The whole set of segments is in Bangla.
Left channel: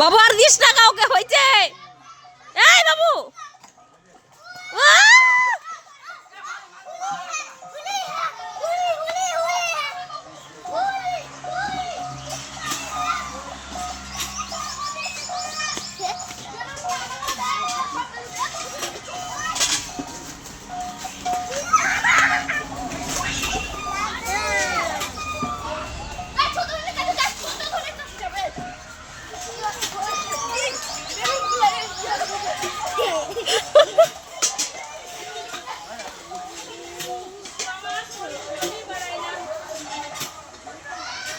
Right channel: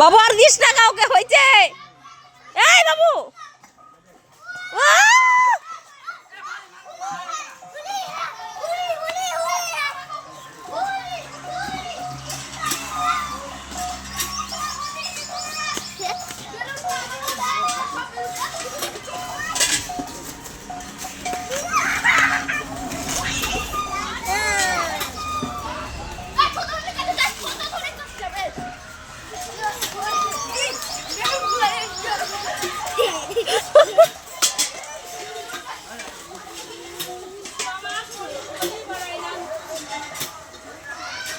বাবু আর দিস না কাউকে, হয়েছে। এই বাবু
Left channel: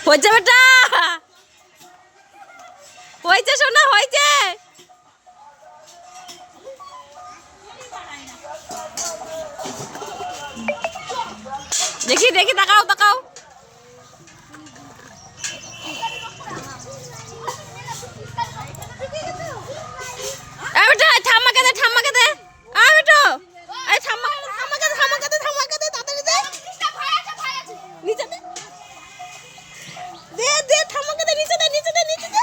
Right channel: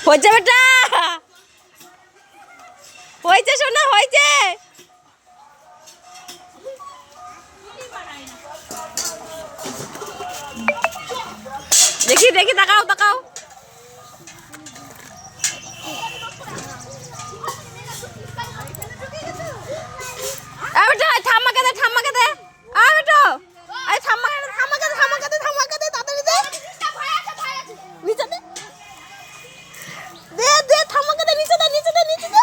হয়েছে বেটা, হয়েছে সোনা, হয়েছে। দেখি দেখি, তাকাও তাকাও। বেটা ঠাম্মাকে দে, ঠাম্মাকে দে। বেটা আরে ঠাম্মাকে দে, ঠাম্মাকে দে, ঠাম্মাকে দে, ঠাম্মাকে দে, তাড়াতাড়ি দে। নিচে দে, দে দে, ঠাম্মাকে দে, নিচে দে, নিচে দে, নিচে দে।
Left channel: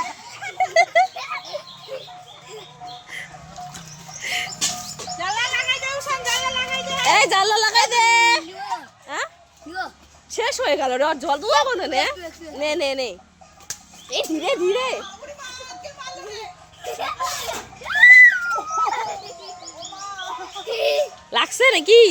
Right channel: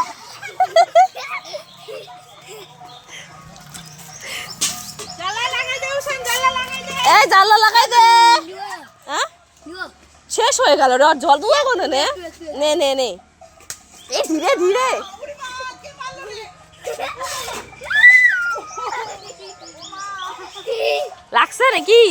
এই জানলা লাগাই দে। হ্যাঁ শেষ হয়ে গেল রে, জল দুয়া কোনে নে নে নে নে। এই ধীরে ধীরে লাগছে নাকি?